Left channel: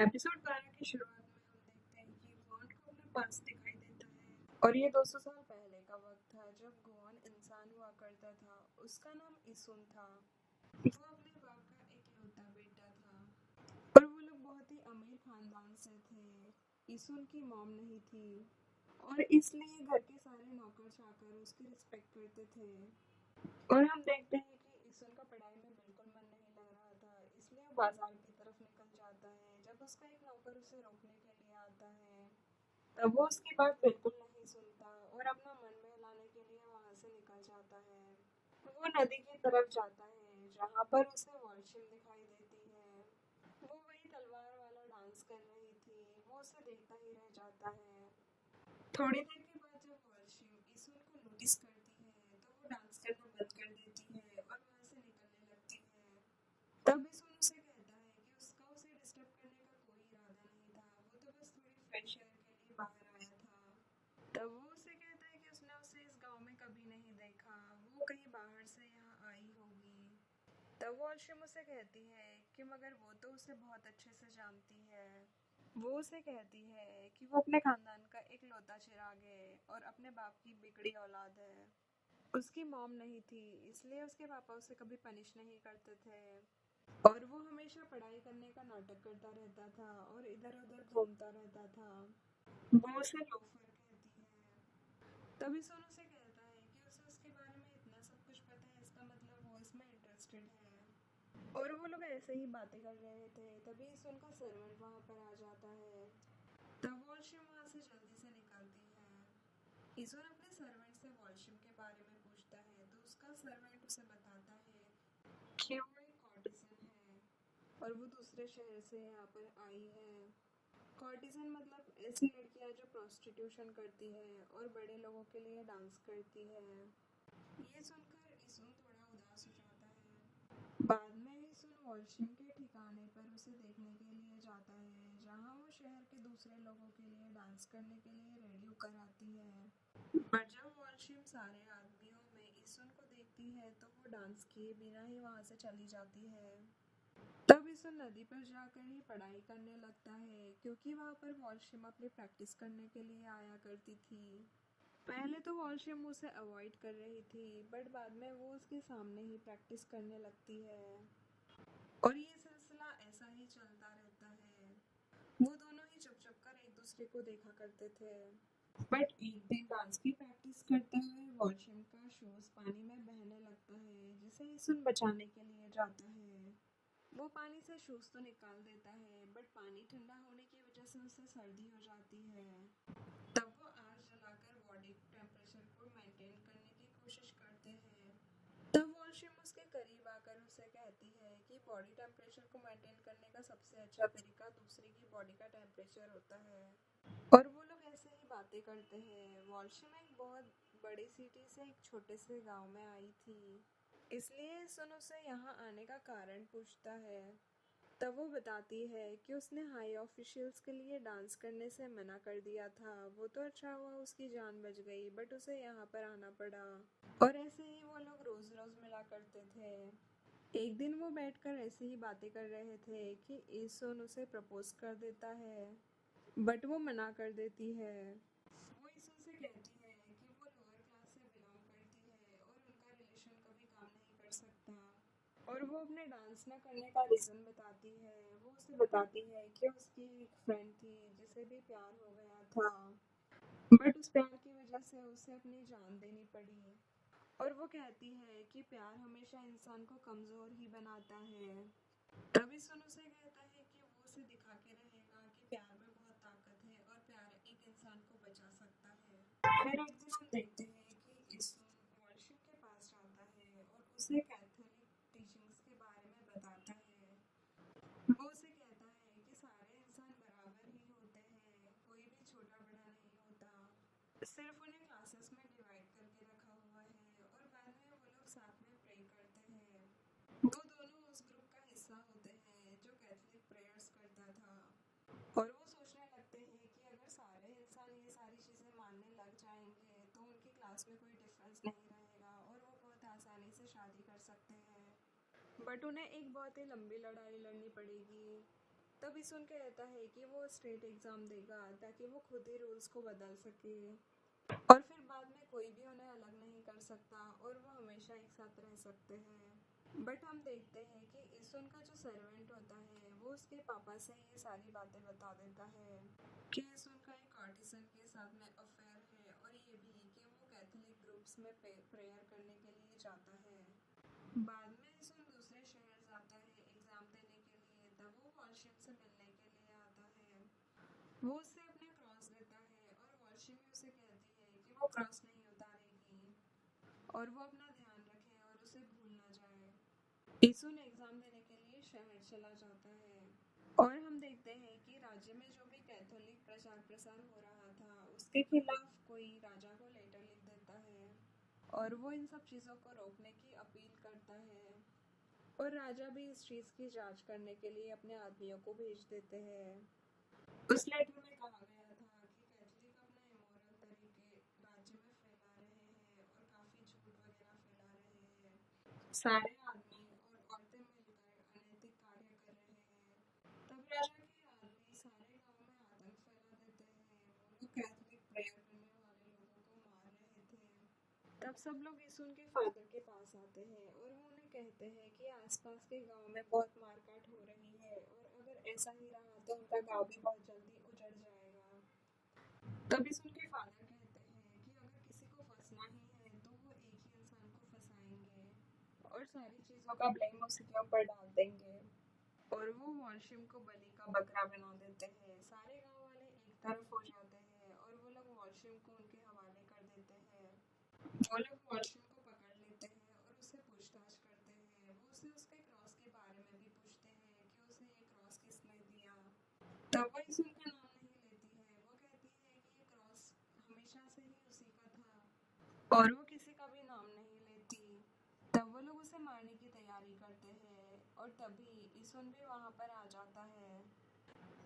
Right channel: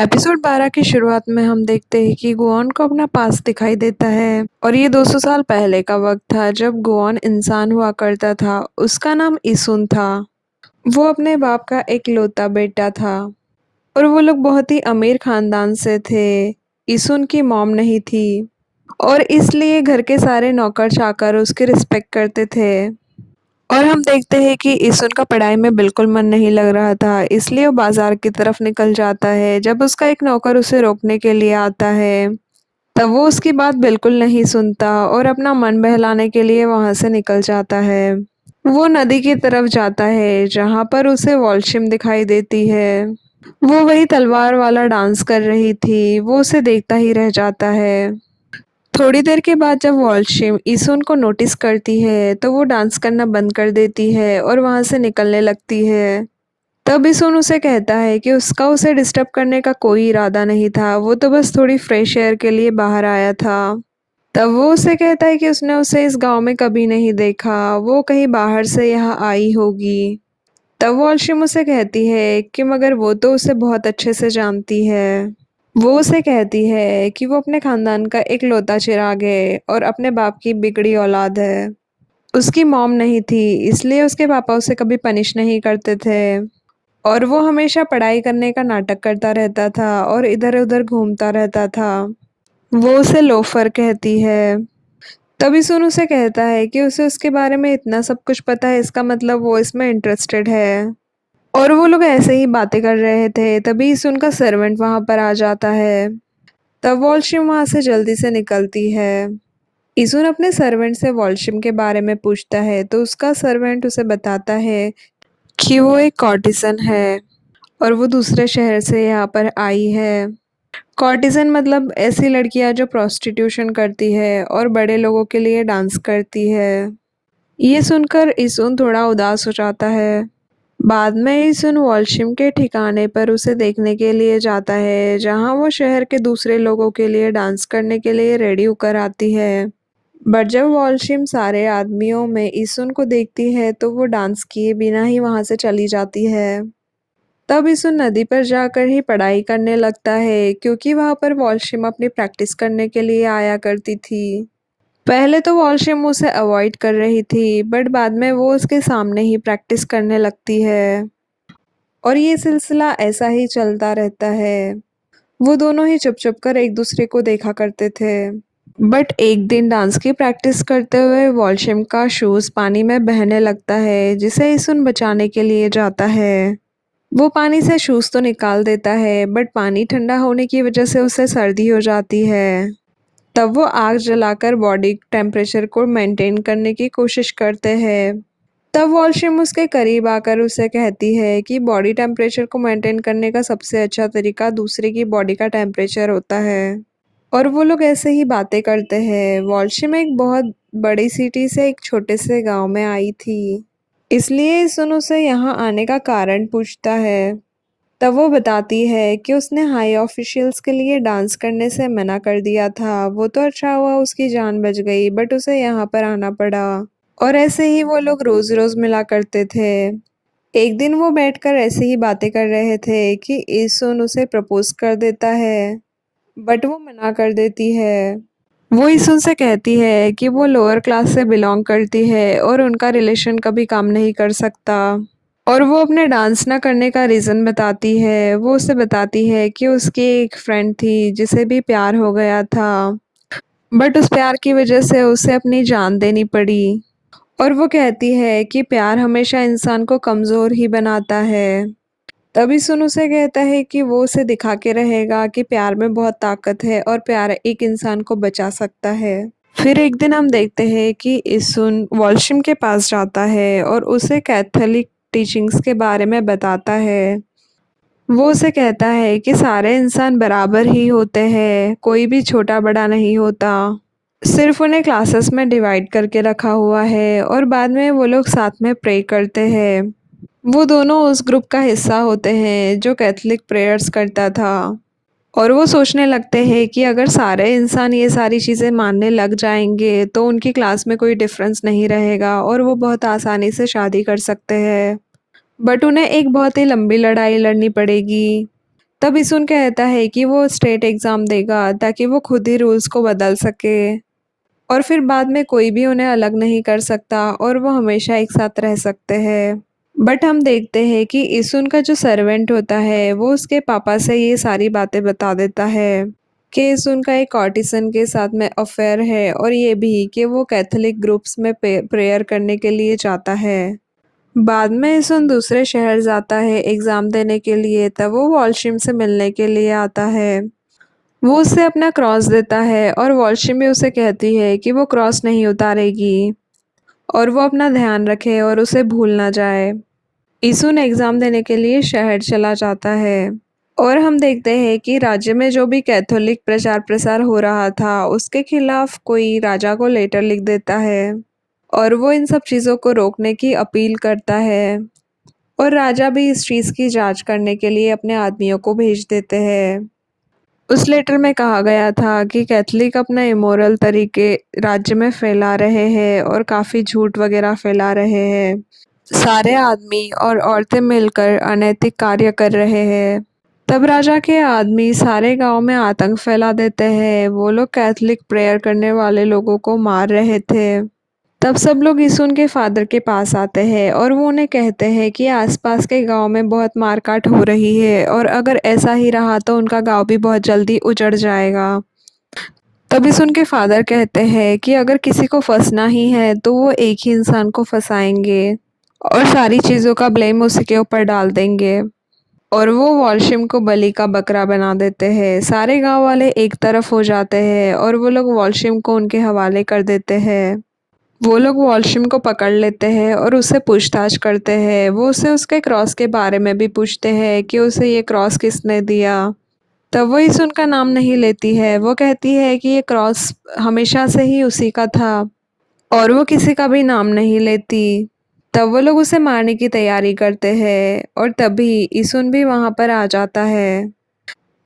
Episode 12 की शुरुआत में हम देखते हैं कि गुआन को अपना पास्ट दिखाई देता है और ये 200 साल पहले का वक्त था जब गुआन इंसान हुआ करता था। उसका नाम इसुन था। वो अपने बाप का एक लौता बेटा था और वो लोग बहुत ही अमीर खानदान से थे। इसुन की मॉम नहीं थी और इसलिए घर के सारे नौकर चाकर उसकी रिस्पेक्ट करते थे। और हम देखते हैं कि इसन का पढ़ाई में बिल्कुल मन नहीं लग रहा था, इसलिए वो बाजार की तरफ निकल जाता है। जब उसका एक नौकर उसे रोकने के लिए आता है तब वो उसकी बात बिल्कुल नहीं सुनता और अपना मन बहलाने के लिए वहां से निकल जाता है। वो नदी की तरफ जाता है जहां पर उसे वॉल्शिम दिखाई देती है। वो वही तलवार वाला डांस कर रही थी। वो उसे देखता ही रह जाता है। थोड़ी देर के बाद जब वॉल्शिम इसून को नोटिस करती है तो वो डांस करना बंद कर देती है और वहां से निकलने लगती है। तब इसून उसे कहता है कि उसका उसे डिस्टर्ब करने का कोई इरादा नहीं था, वो तो बस थोड़ी फ्रेश एयर के लिए बाहर आया था। तब वो उसे कहता है कि उसने उसे इस गांव में कभी नहीं देखा, वो कहीं बाहर से यहाँ आई होगी। तब वॉल्शिम उसे कहती है कि मगर वो तो उसे बहुत अच्छे से जानती है। वो उसे कहती है कि वो अपने खानदान का एक लौता चिराग है और अपने बाप की बिगड़ी औलाद है। उसकी मॉम नहीं थी, इसलिए उसके पापा उसे कभी पनिश नहीं करते थे और वो हमेशा पढ़ाई करने का नाटक करता रहता था और इधर उधर घूमता रहता था। वो उसे लोफर कहती है। तभी सुन उसे कहता है कि उसे उसके बारे में इतना सब कुछ पता है, इसका मतलब वो इसमें इंटरेस्टेड है। और वो लोग ऐसे ही बातें कर रहे थे तभी सुन का सर्वेंट वहां पर आ जाता है। तब वॉल्शिम वहां से जल्दी से निकलती है। इजुन अपने सर्वेंट से वॉल्शिम के बारे में पूछता है तो उसका सर्वेंट उसे बताता है कि वो एक कॉर्टिसन है और वो दूसरे शहर से यहाँ पर आई है। कॉर्टिसन मतलब ऐसी लड़कियां जो प्रोस्टिट्यूशन करती है और बड़े लोगों के लिए डांस करती है। ये सुनकर इजुन थोड़ा उदास हो जाता है। बाद में इजुन वॉल्शिम के ठिकाने पर उसे देखने के लिए जाता है जहाँ वो शहर के दूसरे लोगों के लिए डांस करने के लिए रेडी होकर आती है। बट जब वॉल्शिम सारे आदमियों में इസുन को देखती है तो वो डांस किए बिना ही वहां से चली जाती है। तब इസുन नदी पर जाकर ही पढ़ाई करने लगता है क्योंकि वहां पर वॉल्शिम अपनी प्रैक्टिस करने के लिए आया करती थी। पहले तो वॉल्शिम उसे अवॉइड कर रही थी बट बाद में वो उसके सामने ही प्रैक्टिस करने लगती है और ये सिलसिला ऐसा ही चलता रहता है। वो दोनों ही चुप चुप कर एक दूसरे को देखा करते थे। बट एक दिन डांस की प्रैक्टिस करते हुए वॉल्शिम का शूज पानी में बहने लगता है जिसे इസുन बचाने के लिए जाता है। वो पानी से शूज तो निकाल देता है बट पानी ठंडा होने की वजह से उसे सर्दी हो जाती है। तब वो आग जलाकर बॉडी टेम्परेचर को मेंटेन करने की कोशिश करते हैं। तब वॉल्शिम उसके करीब आकर उसे कहती है कि बॉडी टेम्परेचर को मेंटेन करने का सबसे अच्छा तरीका दूसरे की बॉडी का टेम्परेचर होता है। और वो लोग ऐसे ही बातें करते हैं। वॉल्शिम एक बहुत बड़ी सिटी से एक छोटे से गांव में आई थी, इसलिए सुन उसे यहाँ आने का कारण पूछता है। तब वो बताती है कि उसने हाई ऑफिशियल्स के लिए डांस करने से मना कर दिया था। वो तो अच्छा हुआ उसकी जान बच गई बट उसे यहाँ पर आना पड़ा। और ऐसे ही वो लोग रोज रोज मिला करते थे। एक दिन वो बैठकर ऐसे ही बातें कर रहे थे कि ईसुन उसे प्रपोज कर देता है बट वो मना कर देती है। वो ईसुन से कहती है कि वो लोअर क्लास से बिलोंग करती है और उनका रिलेशन कभी काम नहीं कर सकता। और वो अपने डांस ना करने का रीज़न बताती है। वो उसे बताती है कि उसकी एक फ्रेंड थी जिसे भी प्यार हो गया था बट उस प्यार की वजह से उसे अपनी जान देनी पड़ी। और वो कहती है कि प्यार हमेशा इंसान को कमज़ोर ही बनाता है। तभी सुन उसे कहता है कि वो उसे दिखा के रहेगा कि प्यार में बहुत ताकत है और प्यार एक इंसान को बचा सकता है। फिर एक दिन हम देखते हैं कि इसुन वॉल्शिम के पास जाता है और उसे कैथोलिक टीचिंग्स के बारे में बताता है। वो उसे कहता है कि सारे इंसान बराबर ही होते हैं, कोई भी छोटा बड़ा नहीं होता, सिर्फ उन्हें क्लासेस में डिवाइड करके रखा हुआ है और बाद में वो लोग साथ में प्रे करते हैं। वो दोनों उस ग्रुप का हिस्सा होते हैं जो कैथलिक प्रेयर्स करता था। और वो सोचने लगते हैं कि अगर सारे इंसान ये सारी चीज़ें मानने लग जाएंगे तो उनकी क्लास में कोई डिफरेंस नहीं रहेगा और वो बहुत आसानी से शादी कर सकते हैं। बट उन्हें एक बहुत ही लंबी लड़ाई लड़नी पड़ेगी। तब इसुन कहता है कि वो स्टेट एग्ज़ाम देगा ताकि वो खुद ही रूल्स को बदल सके और फिर बाद में कोई भी उन्हें अलग नहीं कर सकता और वो हमेशा एक साथ रह सकते हैं। बट हम देखते हैं कि इसुन का जो सर्वेंट होता है वो उसके पापा से ये सारी बातें बता देता है कि इसुन का एक ऑटिसन के साथ में अफेयर है और ये भी कि वो कैथोलिक ग्रुप्स में प्रेयर करने के लिए जाता है। बाद में इसुन दूसरे शहर जाता है एग्ज़ाम देने के लिए, तब वो वॉल्शिम से मिलने के लिए आता है। वो उसे अपना क्रॉस देता है और वॉल्शिम भी उसे कहती है कि वो क्रॉस नहीं उतारेगी और वो अपना ध्यान रखे और उसे भूल ना जाए। इसुन एग्ज़ाम देने के लिए शहर चला जाता है और हम देखते हैं कि राज्य में जो भी कैथोलिक प्रचार प्रसार हो रहा था उसके खिलाफ कोई राजा को लेटर लिख देता है और वो इन सब चीज़ों को रोकने की अपील करता है और राजा भी इस चीज़ की जांच करने के लिए अपने आदमियों को भेज देते हैं। उस लेटर में कहा गया था कि कैथोलिक अपना इमोरल तरीके राज्य में फैला रहे हैं और काफ़ी झूठ वगैरह फैला रहे हैं। सारे आदमी और औरतें मिलकर अनैतिक कार्य कर रहे हैं। तब राजा के आदमी सारे गांव में आतंक फैला देते हैं। वो लोग कैथोलिक प्रेयर करने वाले लोगों को मार रहे थे। तब सब लोग यीशु के फादर के पास आते हैं और वो उन्हें कहते हैं कि आसपास के गांव में बहुत मारकाट हो रही है और अगर ऐसा ही रहा तो उनका गांव भी बहुत जल्दी उजड़ जाएगा। तब यीशु के फादर कहते हैं कि अगर किसी को फंसना ही है तो वो एक ही इंसान को फंसाएंगे और सारी चीज़ों का ब्लेम उसी के ऊपर डाल देंगे और वो वॉल्शिम को बलि का बकरा बना देते हैं। सारे गांव वाले एक तरफ हो जाते हैं और वो लोग वॉल्शिम को उनके हवाले कर देते हैं। वो लोग वॉल्शिम को पकड़ लेते हैं और उससे पूछताछ करते हैं। वो उसे उसके क्रॉस के बारे में भी पूछते हैं कि उसे ये क्रॉस किसने दिया। तब वो इस उनका नाम नहीं लेती है। वो कहती है कि ये क्रॉस हमेशा से ही उसी का था और वो किसी का भी नाम नहीं लेती। तब वो लोग उसे मारने की तैयारी करते हैं और तभी इसुन भी वहाँ पर आ जाता है।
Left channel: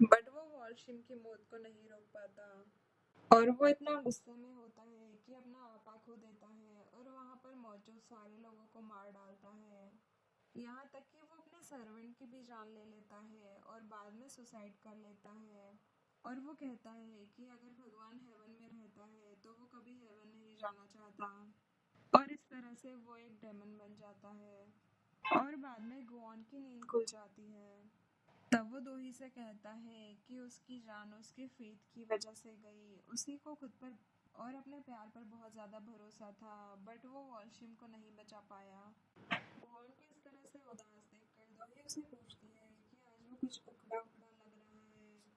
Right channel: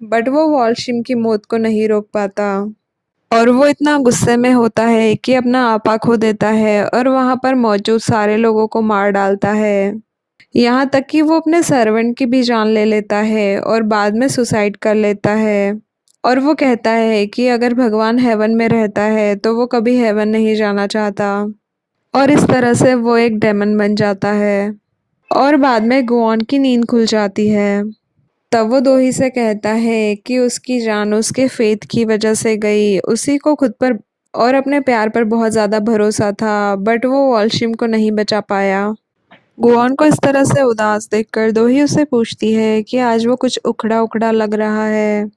बट वो वॉल्शिम की मौत को नहीं रोक पाता और वो इतना गुस्से में होता है कि अपना आपा खो देता है और वहाँ पर मौजूद सारे लोगों को मार डालता है। यहाँ तक कि वो अपने सर्वेंट की भी जान ले लेता है और बाद में सुसाइड कर लेता है। और वो कहता है कि अगर भगवान हेवन में रहता है तो वो कभी हेवन नहीं जाना चाहता और इस तरह से वो एक डेमन बन जाता है और बाद में गुआन की नींद खुल जाती है। तब वो दोही से कहता है कि उसकी जान उसके फेथ की वजह से गई। उसी को खुद पर और अपने प्यार पर बहुत ज़्यादा भरोसा था बट वो वॉल्शिम को नहीं बचा पाया। गुआन को इस तरह से उदास देखकर दोही उससे पूछती है कि आज वो कुछ उखड़ा उखड़ा लग रहा है।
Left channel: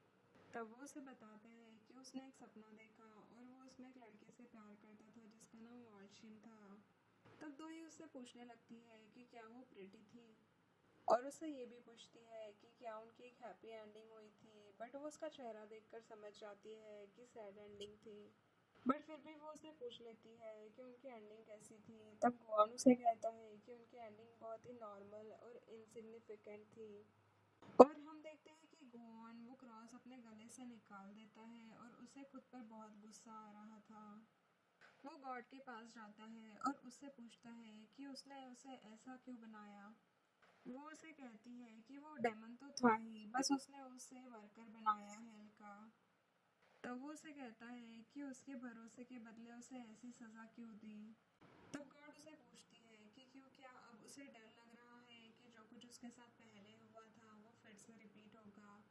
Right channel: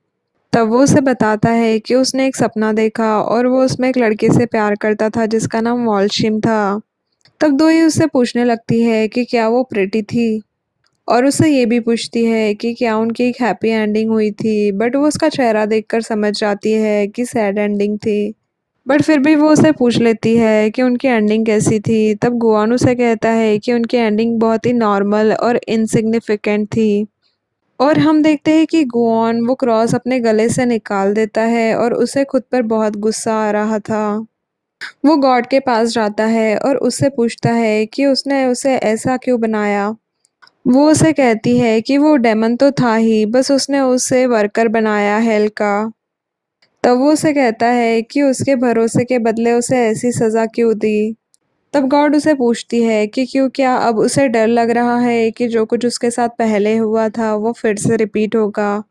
तब वो उसे बताता है कि उसने एक सपना देखा और वो उसमें एक लड़के से प्यार करता था जिसका नाम वॉल्शिम था। तब दोही उससे पूछने लगती है कि क्या वो प्रेटी थी और उससे ये भी पूछती है कि क्या उनकी एक हैप्पी एंडिंग हुई थी। बट वो उसका चेहरा देखकर समझ जाती है कि सैड एंडिंग थी। बट फिर भी वो उसे पूछ लेती है कि उनकी एंडिंग कैसी थी। तब गुआन उसे कहता है कि उनकी एंडिंग बहुत ही नॉर्मल और इनसिग्निफिकेंट थी और हम देखते हैं कि गुआन वो क्रॉस अपने गले से निकाल देता है और उसे खुद पर बहुत गुस्सा आ रहा था। वो गॉड के पास जाता है और उससे पूछता है कि उसने उसे ऐसा क्यों बनाया। वो उसे कहती है कि वो डेमन तो था ही, बस उसने उसे वर्कर बनाया हेल का। तब वो उसे कहता है कि उसके भरोसे के बदले उसे ऐसी सज़ा क्यों दी। तब गॉड उसे पूछती है कि क्यों, क्या अब उसे डर लग रहा है कि जो कुछ उसके साथ पहले हुआ था वो फिर से रिपीट होगा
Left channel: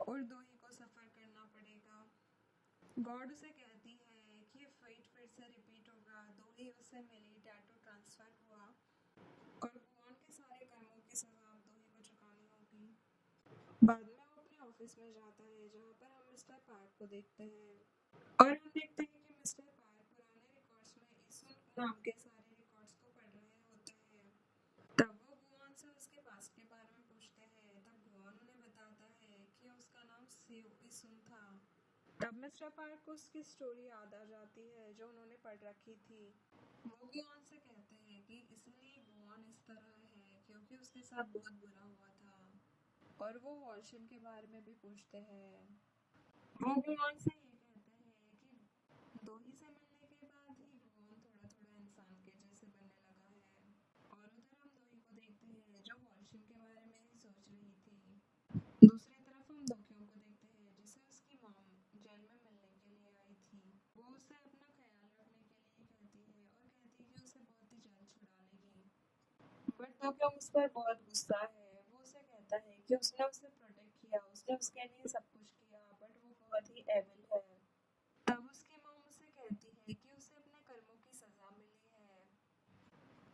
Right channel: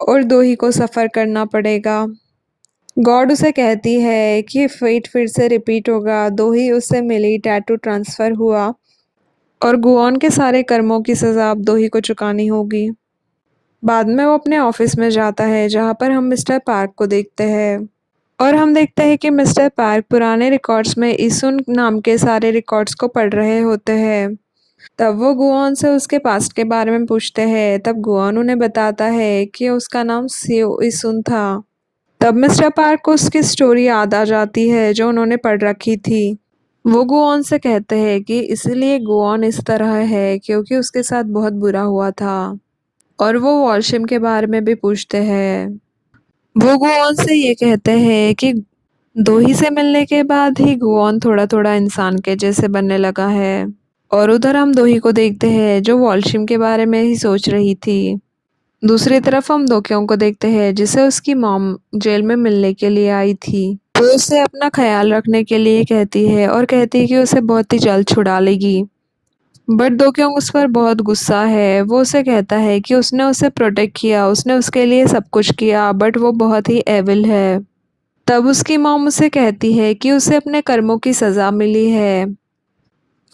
और दो ही को सफ़र करना पड़ेगा। गॉड उसे कहती है कि फेट फिर से रिपीट होगा। दो ही उससे मिली टैटू ट्रांसफ़र हुआ और गुआन के सारे कर्मों की सज़ा अब दो ही को चुकानी होगी। बाद में वो अपने ऑफिस में जाता है जहाँ पर हम मिस्टर पार्क को देखते हैं और हम देखते हैं कि मिस्टर पार्क पुराने रिकॉर्ड्स में इसुन नाम के सारे रिकॉर्ड्स को पढ़ रहे होते हैं। तब वो गुआन से उसके पास्ट के बारे में पूछते हैं। तब गुआन उन्हें बताता है कि उसका नाम सियो इसुन था। तब मिस्टर पार्क को उसकी स्टोरी याद आ जाती है जो उन्होंने पढ़ रखी थी। वो गुआन से कहते हैं कि इसलिए गुआन इस तरह है क्योंकि उसके साथ बहुत बुरा हुआ था और वो वॉल्शिम के बारे में भी पूछते हैं। वो गुआन से ये कहते हैं कि दो ही से मिलने के बाद ही गुआन थोड़ा थोड़ा इंसान के जैसे बनने लगा है और उधर हम दो ही को देखते हैं जो वॉल्शिम के बारे में ही सोच रही थी। दूसरी तरफ हम दोक्यों को देखते हैं जिसे उसकी मॉम जेल में मिलने के लिए आई थी। वो उसे अपना ख्याल रखने के लिए कहती है और कहती है कि उसे बहुत ही जल्द छुड़ा लेगी। बट दोक्योंग उस पर बहुत गुस्सा है। वो उसे कहता है कि उसने उसे प्रोटेक्ट किया, उसने उसके लिए सब कुछ किया, बट वो बहुत ही एविल है। तब उसकी मॉम उसे कहती है कि उसे अपने कर्मों की सज़ा मिली है।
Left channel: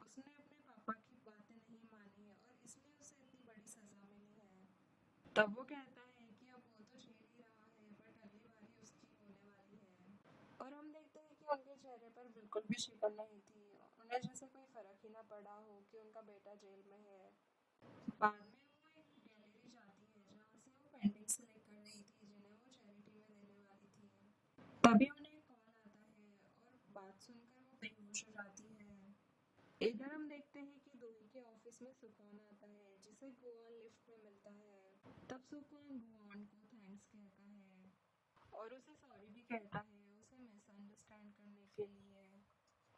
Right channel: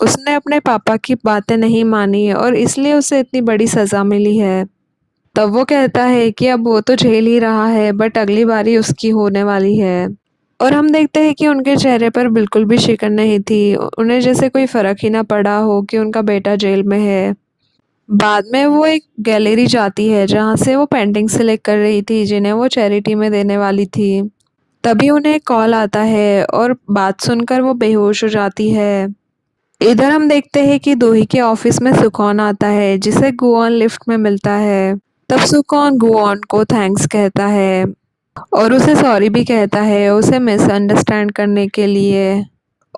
उसने अपने पापा की बातें नहीं मानी और इसलिए उसे इतनी बड़ी सज़ा मिली है। तब वो कहता है कि अब वो तो झेल ही रहा है, बट अगली बारी उसकी होने वाली है। और हम देखते हैं कि उनके चेहरे पर बिल्कुल भी शिकन नहीं थी। उन्हें जैसे कोई फ़र्क ही ना पड़ा हो कि उनका बेटा जेल में है। बाद में वो एक गैलरी जाती है जहाँ से वो पेंटिंग सेलेक्ट कर रही थी जिन्हें वो चैरिटी में देने वाली थी। तभी उन्हें एक कॉल आता है और बात सुनकर वो बेहोश हो जाती है। इधर हम देखते हैं कि दोही के ऑफिस में सुकॉन आता है जिसे गुआन लिफ्ट में मिलता है। तब सुकॉन गुआन को थैंक्स कहता है और उसे सॉरी भी कहता है उसे मिसअंडरस्टैंड करने के लिए।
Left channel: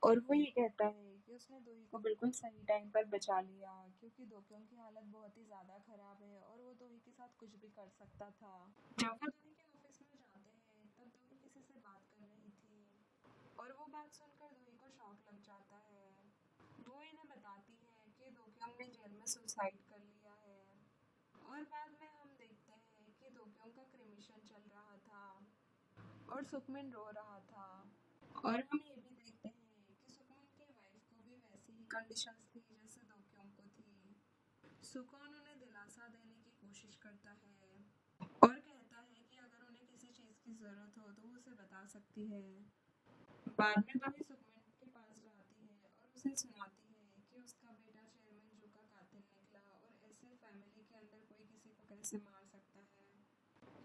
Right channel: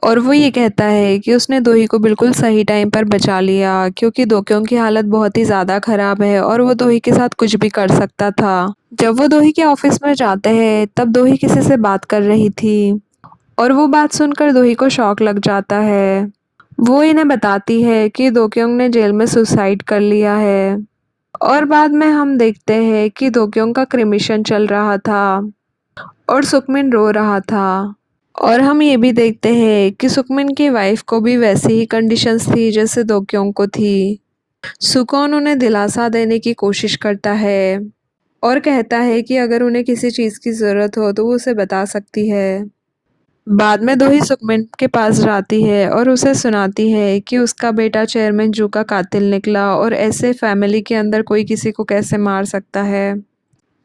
और वो ये कहता है कि उसने दोही को बिल्कुल सही टाइम पर बचा लिया क्योंकि दोक्यों की हालत बहुत ही ज़्यादा ख़राब है और वो दोही के साथ कुछ भी कर सकता था। जब वो दोही के ऑफिस में जाते हैं तब दोही किसी से बात कर रही थी और वो बात सुनकर दोही को शॉक लग जाता है। वो इन्हें बताती है कि दोक्योंग ने जेल में सुसाइड कर लिया है। और बाद में हम देखते हैं कि दोक्योंग का क्रिमिशन चल रहा था और सुकमिन रो रहा था। और हम ये भी देखते हैं कि सुकमिन की वाइफ को भी वैसी ही कंडीशंस थी जैसे दोक्योंग को थी। सुकॉन उन्हें दिलासा देने की कोशिश करता है और कहता है कि अगर उन्हें किसी चीज़ की ज़रूरत हो तो वो उसे बता सकती है। बाद में दोही सुकमिन के पास जाती है और उसे सुनाती है कि उसका बेटा चेयरमैन जू का कातिल निकला और ऐसे फैमिली के अंदर कोई किसी को कैसे मार सकता है।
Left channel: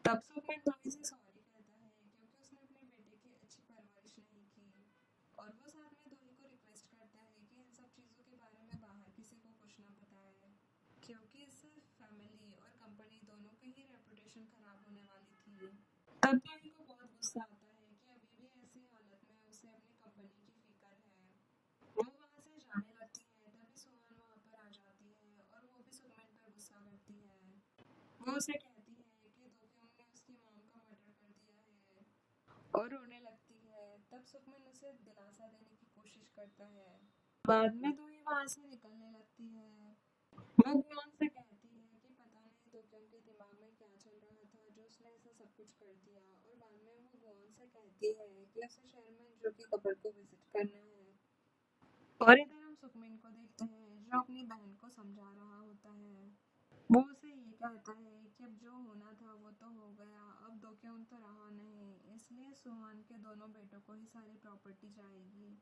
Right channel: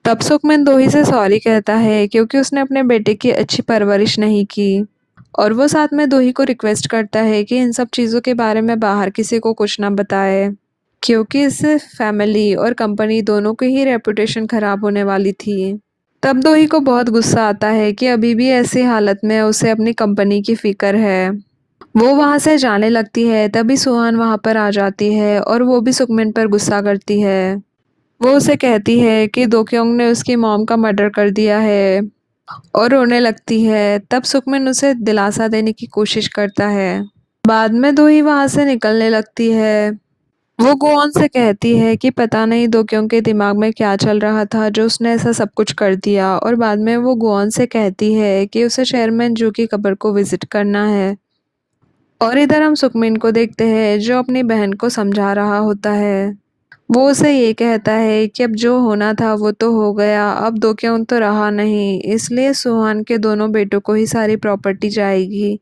तब सुकमिन दोही से सॉरी कहता है क्योंकि उसने अपने बेटे की अच्छी परवरिश नहीं की। और वो साथ में दोही को रिक्वेस्ट करता है कि इन सब चीज़ों के बारे में बाहर किसी को कुछ ना बताए क्योंकि इससे फैमिली और कंपनी दोनों की ही रेपुटेशन ख़राब होने वाली थी। तब दोही को बहुत गुस्सा आता है कि अभी भी ऐसी हालत में उसे अपनी कंपनी की फ़िक्र है। वो वहाँ से जाने लगती है तभी सुहान वहाँ पर आ जाती है और वो भी सुकमिन पर गुस्सा करती है। वो उसे कहती है कि दोक्योंग ने उसकी मॉम का मर्डर कर दिया है और रोने लगती है। तब सुकमिन उसे दिलासा देने की कोशिश करता है। बाद में दोही वहाँ से निकलने लगती है। वो गुआन से कहती है कि पता नहीं दोक्योंग के दिमाग में क्या चल रहा था जो उसने ऐसा सब कुछ कर दिया। और बाद में वो गुआन से कहती है कि उसे चेयरमैन जू की कब्र को विजिट करना है। और इधर हम सुकमिन को देखते हैं जो अपनी बहन को समझा रहा होता है। वो उसे ये कहता है कि अब जो होना था वो तो हो गया, अब दोक्योंग तो रहा नहीं, इसलिए सुहान के दोनों बेटों को ही सारी प्रॉपर्टी जाएगी।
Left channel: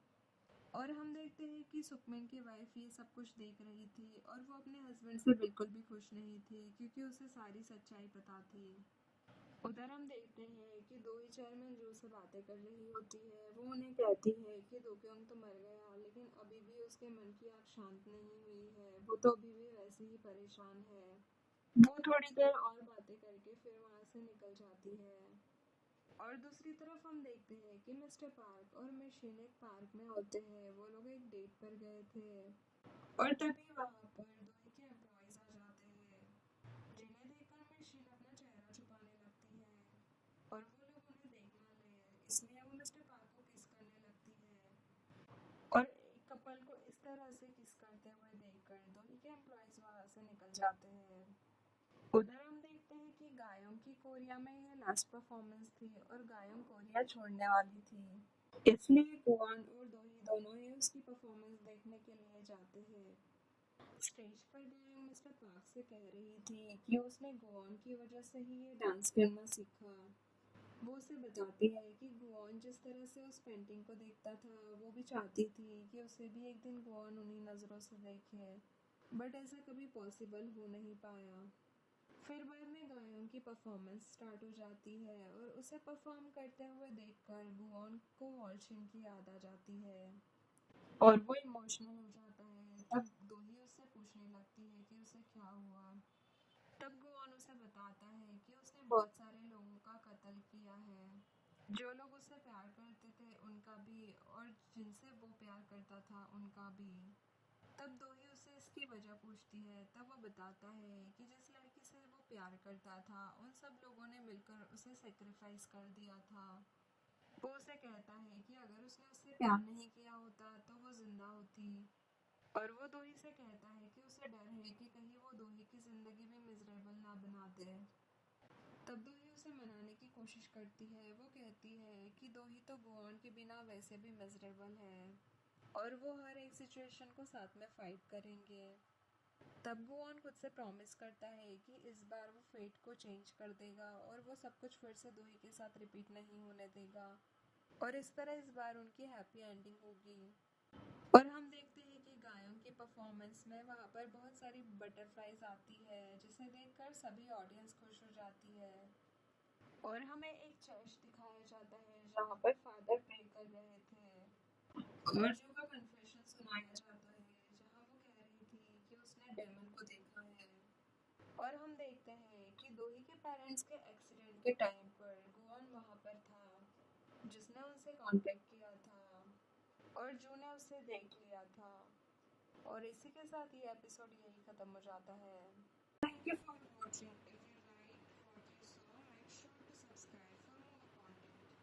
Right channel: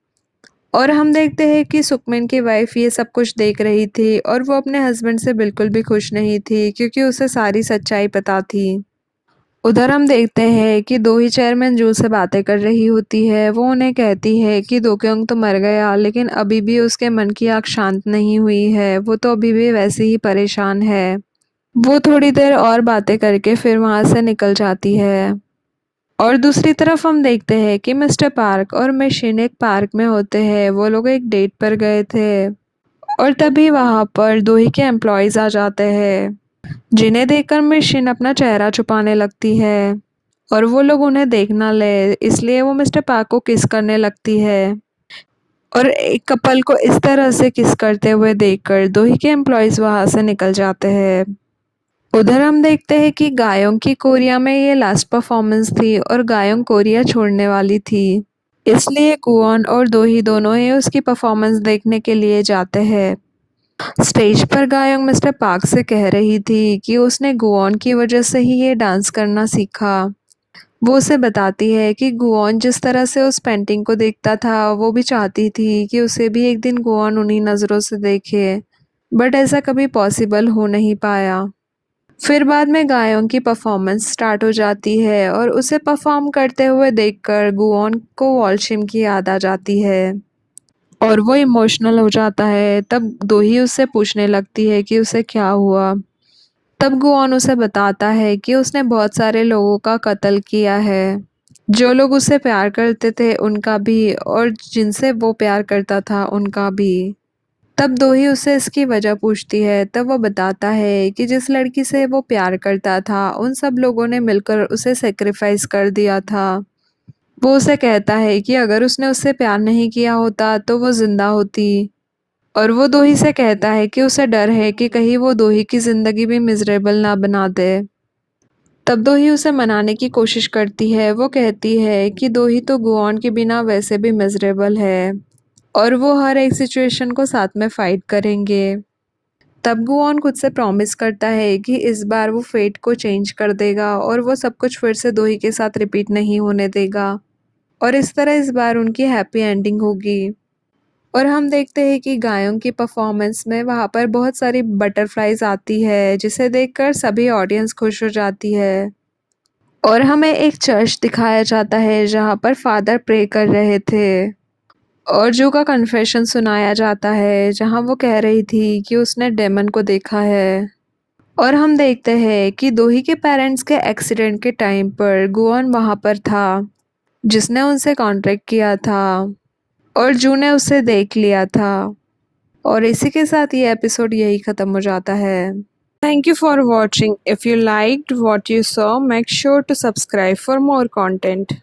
और हम देखते हैं कि सुकमिन की वाइफ ये सब कुछ देख रही थी और वो अपने हस्बैंड से बिल्कुल भी खुश नहीं थी क्योंकि उसे सारी सच्चाई पता थी। उधर हम देखते हैं कि दो ही चेयरमैन जू से बातें कर रही होती है। वो उन्हें कहती है कि दोक्योंग तो मर गया लेकिन अभी भी उसके मन की आग शांत नहीं हुई है, वो तो अभी भी वैसे ही परेशान है। वो थोड़ी देर और बातें करके फिर वहाँ से निकल जाती है। और दूसरी तरफ हम देखते हैं कि मिस्टर पार्क और मिशन एक पार्क में होते हैं। वो लोग एक डेट पर गए थे और तभी वहाँ पर दो ही के एम्प्लॉयज़ आ जाते हैं जिन्हें देखकर मिशन अपना चेहरा छुपाने लगती है और वो लोग उन्हें देख ना ले इसलिए वो मिस्टर पार्क को किस करने लगती है। और एक कपल को इस तरह से किस करते हुए देखकर दो ही के एम्प्लॉयज़ वहाँ से निकल जाते हैं। उधर हम देखते हैं कि गायों की कोरिया में ये लास्ट परफॉर्मेंस थी और गायों कोरिया छोड़ने वाली थी। इसलिए कुओन और दोही दोनों ही उसकी परफॉर्मेंस देखने के लिए जाते हैं। स्टेज पर गायों मिस्टर पार्क से कह रही थी कि उसने गुओन की वजह से ही ये डांस करना सीखा। वो उसे बताती है कि गुओन जिस तरह से उस पेंटिंग को देखता था वो भी चाहती थी कि उसे भी एक दिन गुओन उन्हीं नज़रों से देखे, बट ऐसा कभी पॉसिबल हो नहीं पाया। फिर बाद में गायों की परफॉर्मेंस स्टार्ट हो जाती है और उसे परफॉर्म करते हुए देखकर गुओन को वॉल्शिम की याद आ जाती है और वो इमोशनल हो जाता है। तब दोही उससे पूछने लगती है कि उसे क्या हुआ। तब गुओन उसे बताता है कि उसने बहुत सारे लोगों का कत्ल किया है, जो लोग उससे प्यार करते थे उनका भी और जिनसे वो प्यार करता था उनका भी। तब दोही उससे इसकी वजह पूछती है। तब वो बताता है कि जिस लड़की से वो प्यार करता था उन सब लोगों ने मिलकर उसे सेक्रीफाइस कर दिया था। वो उसे कहता है कि अगर उसने उससे प्यार नहीं किया होता तो वो जिंदा होती। और वो दोही से कहता है कि उसे डर है कि कहीं वो दोही की जिंदगी भी मिजरेबल ना बना दे। तब दोही उसे मनाने की कोशिश करती है। वो कहती है कि दोही तो गुआन के बिना वैसे भी मिजरेबल है और वो हर एक सिचुएशन को साथ में फाइट करेंगे। तब गुआन खुद से प्रॉमिस करता है कि इस बार वो फेट को चेंज कर देगा और वो सब कुछ फिर से दोही के साथ रिपीट नहीं होने देगा। और इस तरह इस बार उनकी हैप्पी एंडिंग होगी। और हम देखते हैं कि गायों की परफॉर्मेंस में वहाँ पर बहुत सारी बटरफ्लाइज आती है जिसे देखकर सभी ऑडियंस खुश हो जाती है। और हमें एक चर्च दिखाया जाता है जहाँ पर फादर प्रे कर रहे थे। और जो का कन्फेशन सुनाया जाता है जहाँ वो कह रही थी कि उसने डेमन को देखा है। और हम देखते हैं कि दोही के पेरेंट्स के एक्सीडेंट के टाइम पर गुआन वहाँ पर था जिसने उनसे कॉन्ट्रैक्ट किया था और जू ने उसे देख लिया था। और इसी के साथ ये एपिसोड यही ख़त्म हो जाता है। Thank you for watching. If you liked what you saw, make sure to subscribe for more content.